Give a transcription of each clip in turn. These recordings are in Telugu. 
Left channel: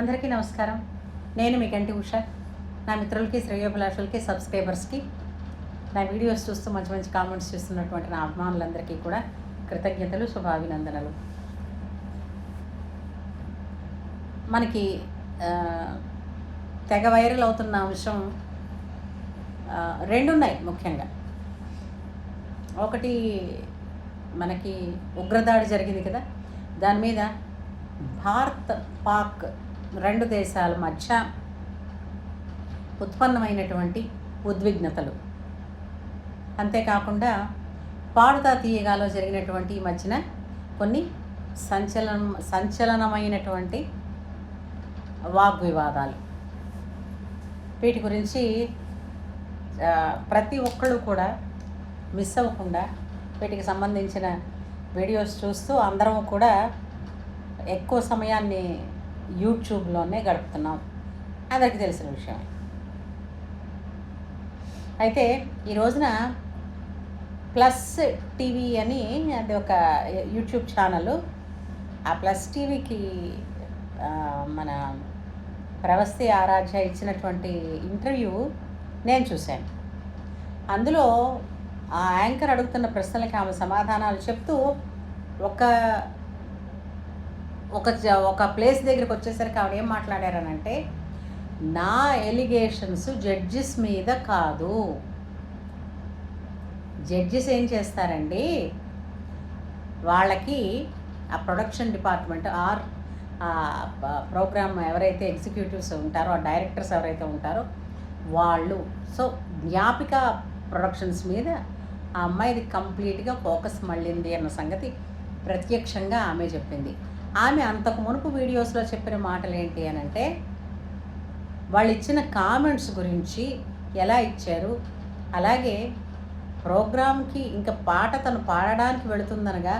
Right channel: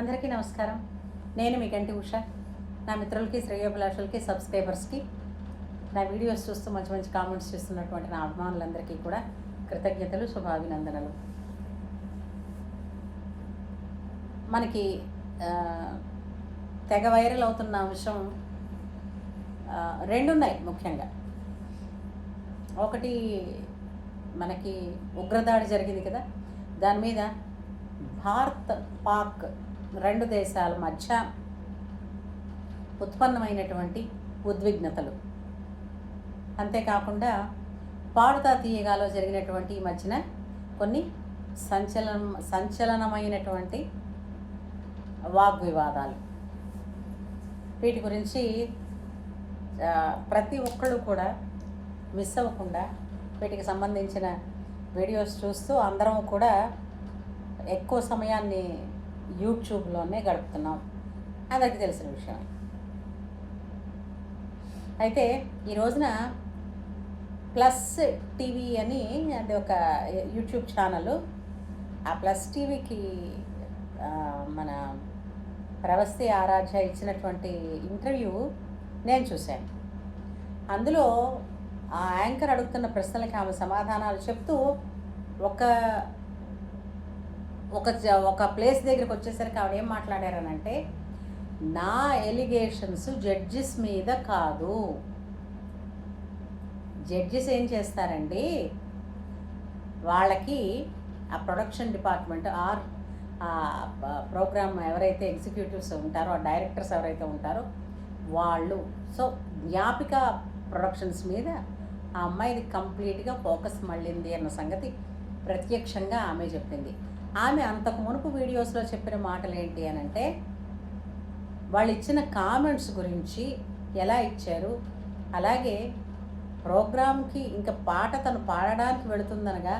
అందరికీ నమస్కారం. నేను మీ కంటి ఉష. నా మిత్రులకి, శ్రేయోభిలాషులకి, సబ్స్క్రైబర్స్కి, నా వీడియోస్ చూస్తూ మంచి మంచి కామెంట్స్ చేస్తున్నటువంటి నా అభిమానులందరికీ కూడా కృతజ్ఞతలు, శుభాభినందనలు. మనకి తెగ వైరల్ అవుతున్న అంశం రెండున్నాయి ముఖ్యంగా. ఒకటి మనకి ఉగ్రదాడి జరిగింది కదా, దాని మీద భారత్ పాక్ రెండు దేశాల మధ్య ఉత్పన్నమైనటువంటి ఉద్విగ్నతలు, అంతేకాకుండా పాడుతా తీయగాలో జరిగినటువంటి ఈ మధ్యన కొన్ని సంచలనమైనటువంటి వాగ్వివాదాలు. వీటి గురించి ప్రతి ఒక్కళ్ళు కూడా మిస్ అవ్వకుండా వీటికి సంబంధించిన వీడియోస్ చూస్తూ అందరం కూడా ఎక్కువ సమయాన్ని యూట్యూబ్లోనే గడుపుతున్నాం, అందరికీ తెలిసిన విషయమే. అయితే ఈ రోజున ప్లస్ టీవీ అని అది ఒక యూట్యూబ్ ఛానల్. ఆ ప్లస్ టీవీకి మన ప్రవస్తి ఆరాధ్య ఇచ్చినటువంటి ఇంటర్వ్యూ నేను చూశాను. అందులో ఆ యాంకర్ అడుగుతున్న ప్రశ్నలకి ఆమె సమాధానాలు చెప్తూ ఒక ఒక ఒక ప్లేస్ దగ్గరికి వచ్చేసరికి ఆవిడ ఏం మాట్లాడారనంటే, నా ఎలిగేషన్స్ జడ్జిస్ మీద కాదు. జడ్జిస్ ఏం చేస్తారండి, వాళ్ళకి ఆ ప్రొడక్షన్ డిపార్ట్మెంట్ ఆర్ ప్రోగ్రామ్ ఎవరైతే ఎగ్జిక్యూటివ్స్ ఉంటారో, ఆ డైరెక్టర్స్ ఎవరైతే ఉంటారో వాళ్ళు. సో జ్ఞాపిక ప్రొడక్షన్స్ మీద ఆ అమ్మాయిది కంప్లీట్గా ఫోకస్ మళ్ళింది అన్న సంగతి ప్రత్యక్షంగా ఆమె చెప్పింది. ఆమె అంతకు మునుపు వీడియోస్లో చెప్పిన మాటలు ఏంటి అని అంటే, వాళ్ళు ఇచ్చిన కామెంట్స్ గురించి ఎలా ఇచ్చారు, అలాగే ప్రోగ్రామ్కి ఇంకా పాట తను పాడడానికి వెళుతుందనగా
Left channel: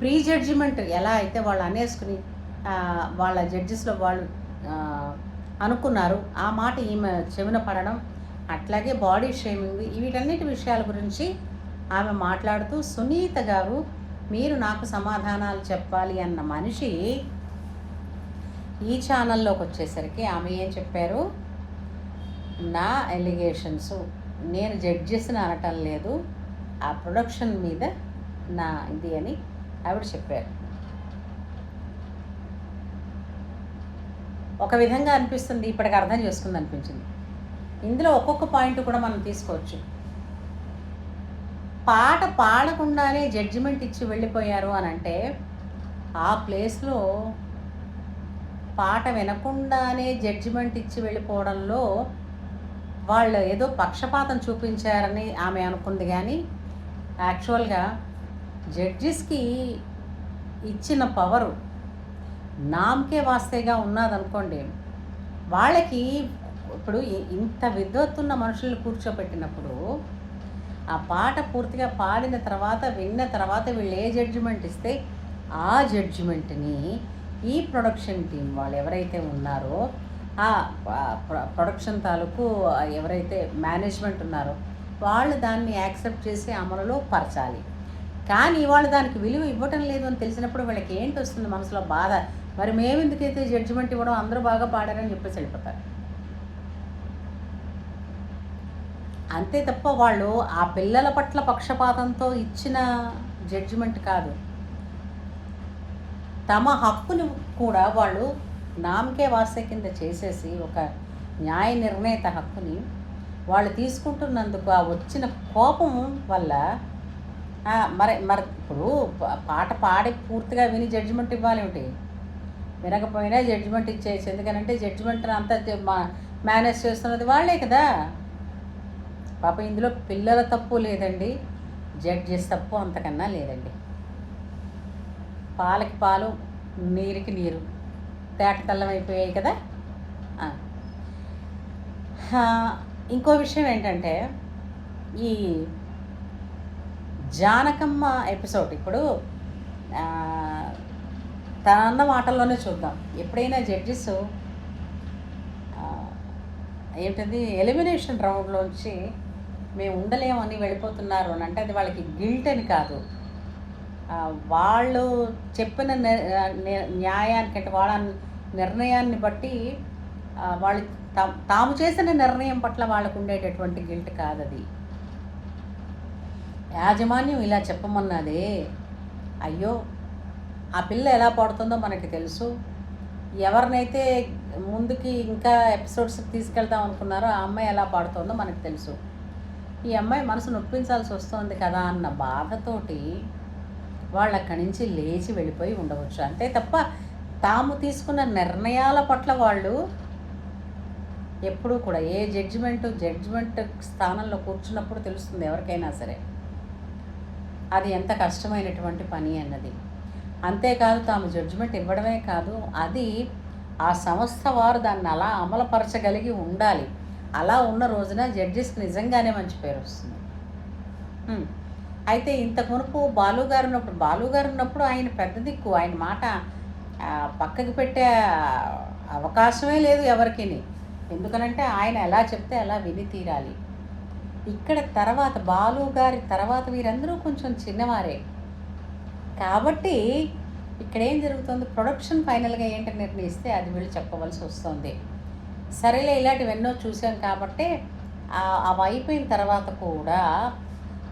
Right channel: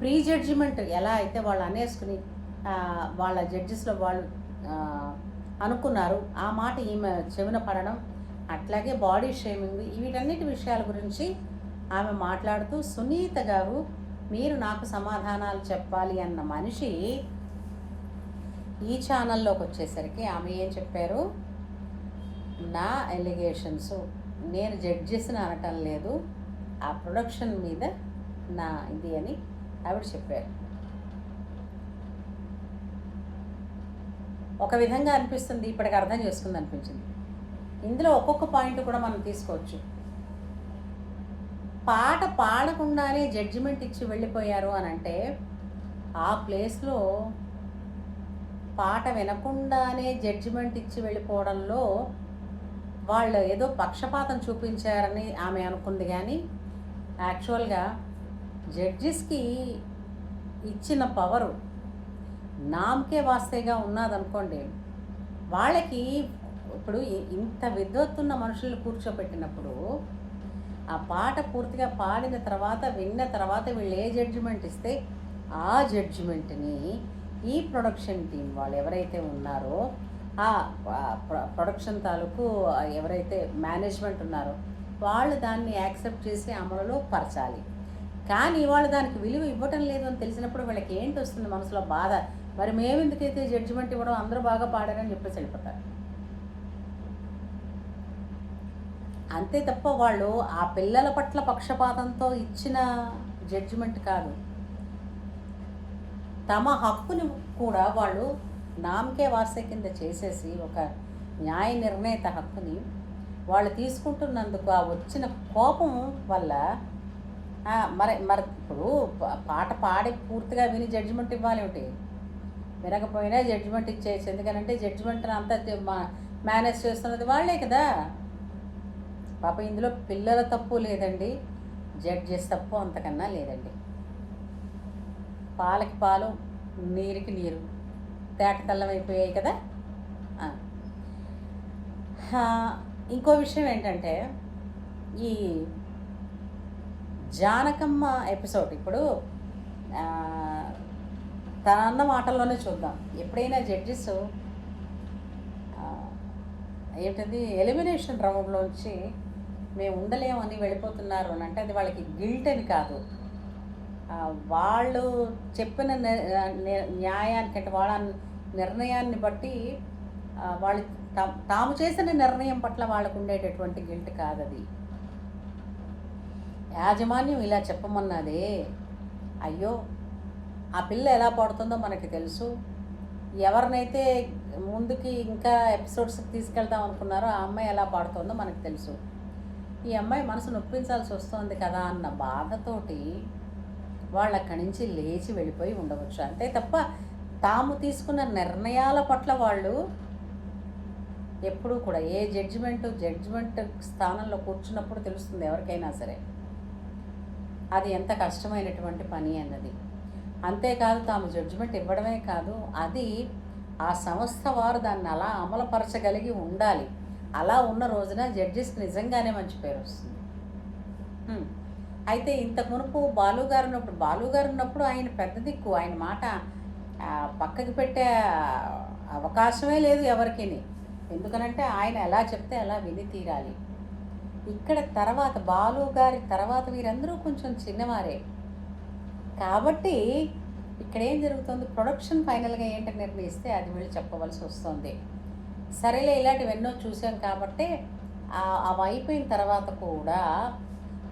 ప్రీ జడ్జిమెంట్ ఎలా అయితే వాళ్ళు అనేసుకుని వాళ్ళ జడ్జెస్లో వాళ్ళు అనుకున్నారు, ఆ మాట ఈమె చెవిన పడడం, అట్లాగే బాడీ షేమింగ్, వీటన్నిటి విషయాల గురించి ఆమె మాట్లాడుతూ, సునీత గారు మీరు నాకు సమాధానాలు చెప్పాలి అన్న మనిషి ఈ ఛానల్లోకి వచ్చేసరికి ఆమె ఏం చెప్పారు, నా ఎలిగేషన్స్ నేను జడ్జెస్ని అనటం లేదు, ఆ ప్రొడక్షన్ మీద నా ఇది అని ఆవిడ చెప్పారు. ఒక విధంగా అనిపిస్తుంది, ఇప్పటికి అర్థం చేసుకుంది అనిపించింది. ఇందులో ఒక్కొక్క పాయింట్ కూడా మనం తీసుకోవచ్చు. పాట పాడకుండానే జడ్జిమెంట్ ఇచ్చి వెళ్ళిపోయారు అని అంటే, ఆ ప్లేస్లో పాట వినకుండానే జడ్జిమెంట్ ఇచ్చి వెళ్ళిపోవడంలో వాళ్ళు ఏదో పక్షపాతం చూపించారని ఆమె అనుకుంది. కానీ యాక్చువల్గా జడ్జిస్కి ఇచ్చిన పవరు నామకే వాస్తేగా ఉన్నదనుకోండి. వాళ్ళకి ఇప్పుడు ఇంత విద్వత్తున్న మనుషులను కూర్చోపెట్టినప్పుడు ఆ పాట పూర్తిగా పాడిన తర్వాత, విన్న తర్వాత వీళ్ళు ఏ జడ్జిమెంట్ ఇస్తే ఆ జడ్జిమెంట్ని ఈ ప్రొడక్షన్ టీం వాళ్ళు ఎవరైతే ఉన్నారో, ఆ ప్రొడక్షన్ తాలూకు ఎవరైతే మేనేజ్మెంట్ ఉన్నారో వాళ్ళు దాన్ని యాక్సెప్ట్ చేసి అమలులో పరచాలి. కానీ వాళ్ళు దానికి విలువ ఇవ్వటం లేదు అని తెలిసినప్పుడు వీళ్ళకి ఏంటి వస్తుంది మనసులో బాధ, మరి మేము ఎందుకైతే జడ్జిమెంట్ ఇవ్వడం, అందరూ బాగా పాడారని చెప్పేసి వెళ్ళిపోతారు. అంతే తప్ప వాళ్ళు ఆ పిల్లల పట్ల పక్షపాతంతో ఇచ్చిన జడ్జిమెంట్ కాదు. తమ హక్కుని కూడా వాళ్ళు నామకే వాస్తే కింద చేసేసి, ఒక న్యాయ నిర్ణేత హక్కుని వాళ్ళు తీసుకుంటున్నందుకు ఆ వచ్చిన కోపం వల్ల మరి ఇప్పుడు పాట పాడి పూర్తిగా విని జడ్జిమెంట్ ఇవ్వాలి ఒకటి, వినకపోయినా జడ్జిమెంట్ ఇచ్చేసి. ఎందుకనంటే జడ్జిమెంట్ అంతా మేనేజ్ చేస్తున్నది వాళ్ళే కదా. పాప ఇందులో పిల్లల తప్పు లేదండి, జడ్జెస్ తప్పు అంతకన్నా లేదండి. పాలకి పాలు, నీరుకి నీరు తేట తెల్లమైపోయాయి కదా. ఇంకో విషయం ఏంటంటే, ఈ జానకమ్మ ఎపిసోడ్ ఇప్పుడు తనన్న మాటల్లోనే చూద్దాం. ఎప్పుడైనా జడ్జెస్ ఏంటది ఎలిమినేషన్ రౌండ్లోంచి మేము ఉండలేమని వెళ్ళిపోతున్నారు అని అంటే, అది వాళ్ళకి గిల్ట్ అని కాదు, వాళ్ళు చెప్పిన న్యాయానికంటే నిర్ణయాన్ని బట్టి వాళ్ళు తాము చేసిన నిర్ణయం పట్ల వాళ్ళకు ఉండేటటువంటి గిల్ట్ కాదది. యాజమాన్యం ఇలా చెప్పమన్నదే. అయ్యో, ఆ పిల్ల ఎలా పడుతుందో మనకి తెలుసు. ఎవరినైతే ముందుకి ఇంకా ఎపిసోడ్స్కి తీసుకెళ్దాం అనుకున్నారో ఆ అమ్మాయి ఎలా పాడుతుందో మనకు తెలుసు. ఈ అమ్మాయి మనసు నొప్పించాల్సి వస్తుంది కదా అన్న బాధతోటి వాళ్ళు అక్కడి నుంచి లేచి వెళ్ళిపోయి ఉండవచ్చు. అంతే తప్ప తాము తీసుకున్న నిర్ణయాల పట్ల వాళ్ళు ఎప్పుడూ కూడా ఏ జడ్జిమెంట్ స్థానంలో కూర్చున్నప్పుడు తెలుస్తుంది ఎవరికైనా సరే అది ఎంత కష్టమైనటువంటి పని అన్నది. అంతేకాదు తాము జడ్జిమెంట్ ఇవ్వడమే కాదు, అది ఆ సంస్థ వారు దాన్ని అలా అమలుపరచగలిగి ఉండాలి. అలా ఉన్న రోజున జడ్జెస్కి నిజంగానే మంచి పేరు వస్తుంది. అయితే ఇంతకు మునుపు బాలుగారు ఉన్నప్పుడు ఆయన పెద్ద దిక్కు, ఆయన మాట పక్కకి పెట్టే అవకాశమే లేదు ఎవరికి. ఎందుకనంటే ఆయన ఎలా చెప్తే అలా విని తీరాలి. ఇక్కడ తర్వాత బాలుగారి తర్వాత వీరందరూ కొంచెం చిన్నవారే కాబట్టి ఇక్కడ ఏం జరుగుతుంది, ప్రొడక్షన్ ఫైనల్గా ఏంటని నిర్ణయిస్తే అది వీళ్ళు చెప్పవలసి వస్తుంది. సరేలే, ఇలాంటివి ఎన్నో చూసాం కాబట్టి అవి అయిపోయిన తర్వాత కూడా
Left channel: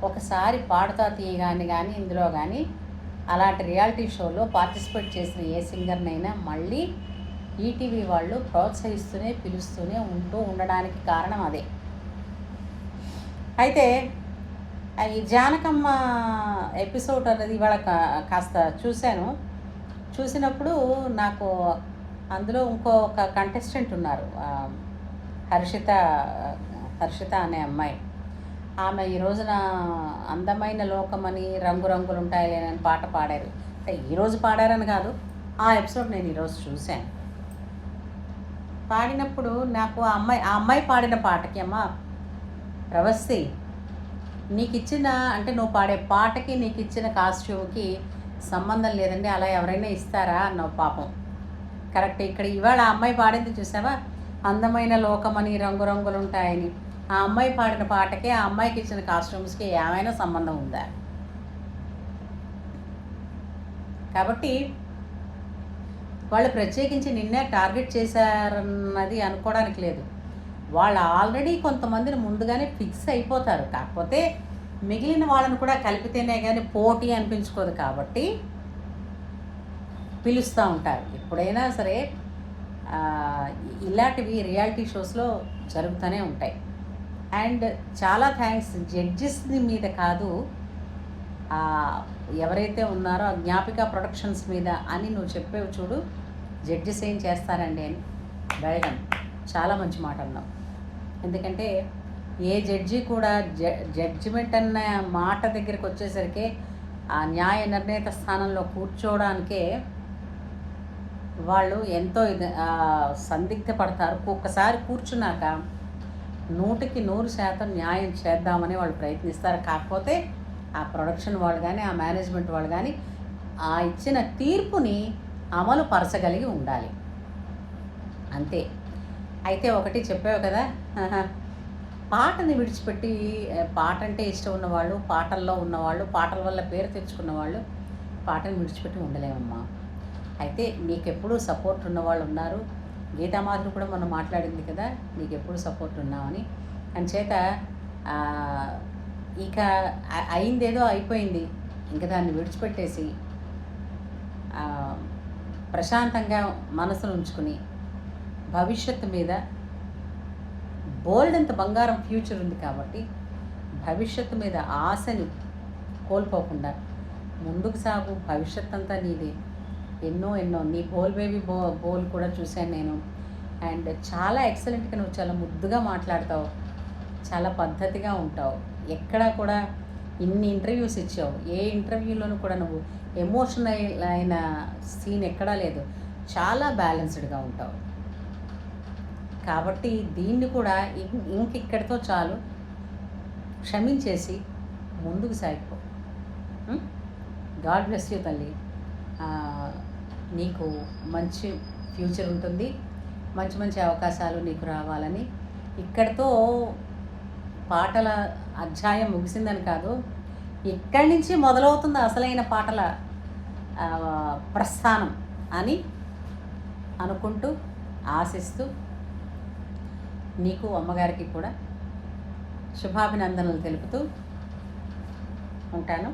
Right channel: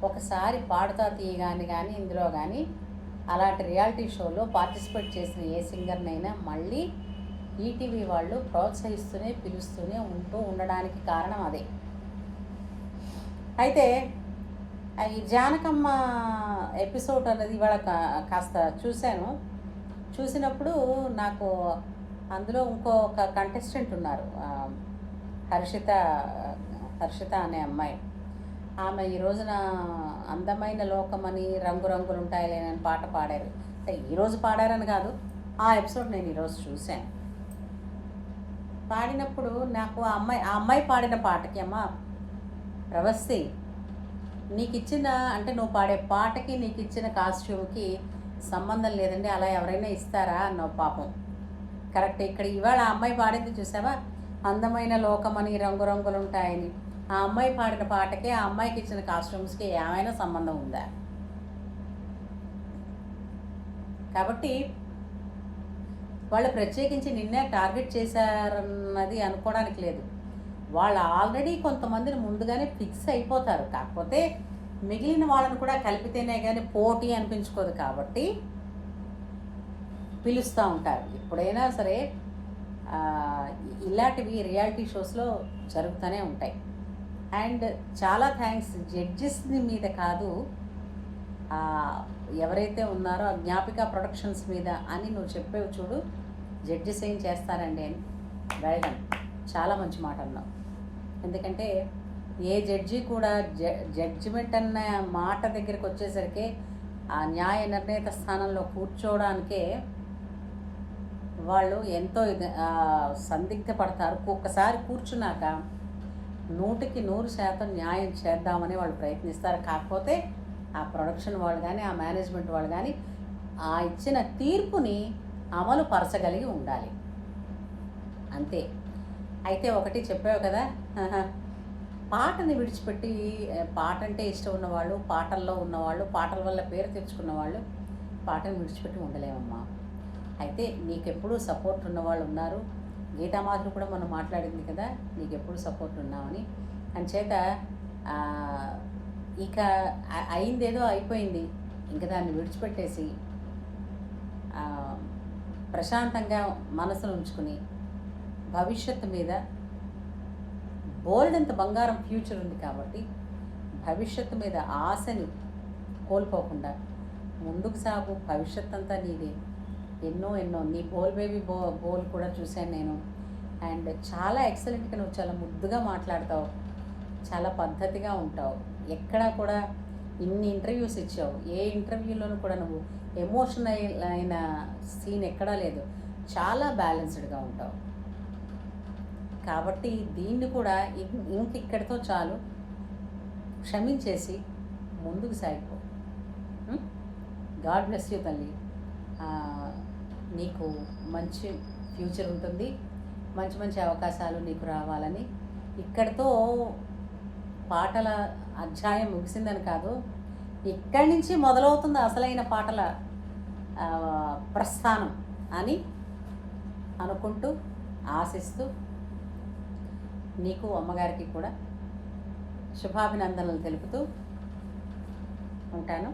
ఒకసారి పాడుతా తీయగాని కానీ ఇందులో కానీ అలాంటి రియాలిటీ షోలో పార్టిసిపేట్ చేసిన ఏ సింగర్నైనా మళ్ళీ ఈటీవీ వాళ్ళు ప్రోత్సహిస్తూనే పిలుస్తూనే ఉండడానికి కారణం అదే. అయితే ఈ జానకమ్మ ఎపిసోడ్ అనేది ఇవాళ కాస్త చూసినప్పుడు నాకు అందులో ఇంకొక కంటెస్టెంట్ ఉన్నారు, హర్షిత అనే అమ్మాయి. ఆమె ఈ రోజున అందమైన లోకమని రంగురంగులు ఉంటాయిలేనని పాట పాడారు. ఈరోజు పాడారని కాదు, ఆ ఎపిసోడ్ నేను ఈరోజు చూశాను. పాడినప్పుడు నాకు ఆ అమ్మాయి పాడిన పాటకి, అమ్మ ప్రవస్తి, నీకు ఇచ్చిన అంటే నువ్వు పాడే పాటకి నీకు ఇచ్చిన కాస్ట్యూమ్కి సంబంధం లేదండి, అలా ఎవరైనా ఇస్తారా అన్నావు. పాపం కరెక్ట్. ఇక్కడ ఇవాళ ఆ అమ్మాయి పాడింది చూసావా, అందమైన లోకమని రంగురంగులు ఉంటాయని. ఆ అమ్మాయి పాడిన పాటకి ఆ అమ్మాయికి ఇచ్చిన కాస్ట్యూమ్స్కి ఏమైనా సంబంధం ఉందా? కాబట్టి వాళ్ళు ప్రత్యేకించి నిన్నే టార్గెట్ చేశారన్నది అనుకోవడానికి లేదు. వాళ్ళు ఆల్రెడీ కొంతమందిని ముందుగానే ఫిక్స్ అయిపోతారు. కాకపోతే మిగిలిన వాళ్ళని కూడా కలిపితేనే కానీ పోటీ అనిపించుకోదు కాబట్టి పిలుస్తూ ఉంటారు. ఎప్పుడైనా సరే ఇలాంటివి రియాలిటీ షోస్లో జరుగుతూనే ఉంటాయి. అండ్ చాలా థ్యాంక్స్ జడ్జెస్ మీద కాదు, ఎవరైతే ఉన్నారో జ్ఞాపిక ప్రొడక్షన్స్ మీద అని నువ్వు చెప్పేవి చూడు, జడ్జెస్ ఏం చేస్తారండి అని అడగండి. చాలా మంచి మాట అన్నావు. ఎందుకంటే ఏ జడ్జి కూడా జడ్జిమెంట్ అన్న మాట దగ్గరికి వచ్చేసరికి ఆ న్యాయ నిర్ణేత స్థానంలో కూర్చోవడానికే వాళ్ళు ఎంతో సందిగ్ధపడతారు. ఒక్కసారి కూర్చున్నాక 100% న్యాయం చేద్దామని వాళ్ళు ప్రయత్నిస్తారు. కాకపోతే ఆ ప్రొడక్షన్ వాళ్ళు కానీ ఆ మేనేజ్మెంట్ వాళ్ళు కానీ ఆ ఇచ్చిన తీర్పుని అమలు పరచగలిగి ఉండాలి, అంతే. అయితే ఒకటి చెప్పావు కదా, పాటని విడిచిపెట్టి, పాట అంటే ఇష్టం ఉన్నవాళ్ళు, పాటల్లో ఉన్నవాళ్ళు, పాటల వల్ల పేరు తెచ్చుకున్న వాళ్ళు పాటను విడిచిపెట్టి ఉండలేమమ్మా. అయితే నీకెప్పుడు సపోర్ట్ ఉన్నవాళ్ళు ఉన్నారు. గీతామాధులు కూడా మనం మాట్లాడింది కదా, నీకు ఎప్పుడు సపోర్ట్ ఉన్నామని. అంచేత ఇక అయిందేదో అయిపోయింది, ఇంకా దాన్ని విడిచిపెట్టేసి ప్రశాంతంగా మనసును ఉంచుకుని భవిష్యత్తు మీద బోల్డ్ అంత బంగారం ఫ్యూచర్ ఉంది కాబట్టి భవిష్యత్తు మీద ఆశని కోల్పోకుండా ముందుకు సాగు. భవిష్యత్ అంతా నీది. ఎన్నో నీ బోల్ బేబీ బోల్ కూడా చూశాను నేను. అండ్ చాలా ఎక్సలెంట్గా నువ్వు చాలా ముద్దుగా మాట్లాడతావు, చాలా పద్ధతిగా ఉంటావు. ఎక్కడా కూడా ఇన్ని ఇంటర్వ్యూస్ ఇచ్చావు, ఏ ఇంటర్వ్యూలోనూ కూడా నువ్వు ఎమోషనల్ అయిన సీన్ ఎక్కడా లేదు. చాలా బ్యాలెన్స్డ్గా ఉంటావు. కాబట్టి దీన్ని కూడా ఇక్కడితో చాలు, క్షమించేసి ముందుకు సాగిపో. గాడ్ బ్లెస్ యూ తల్లి. నీకు మంచి ఫ్యూచర్ ఉంటుంది, మంచి మంచి అవకాశాలు నీకు రావాలని. ఇక్కడితో పాటల అధ్యాయం ముగిసిందని కాదు, ఇక్కడి నుంచి మొదలవుతుంది అసలైన పాటల ప్రస్థానం అని అనుకుంటూ ఆశిస్తూ నీకు అమ్మగారికి కూడా శుభాభినందనలు తెలుపుతూ ఉంటాను.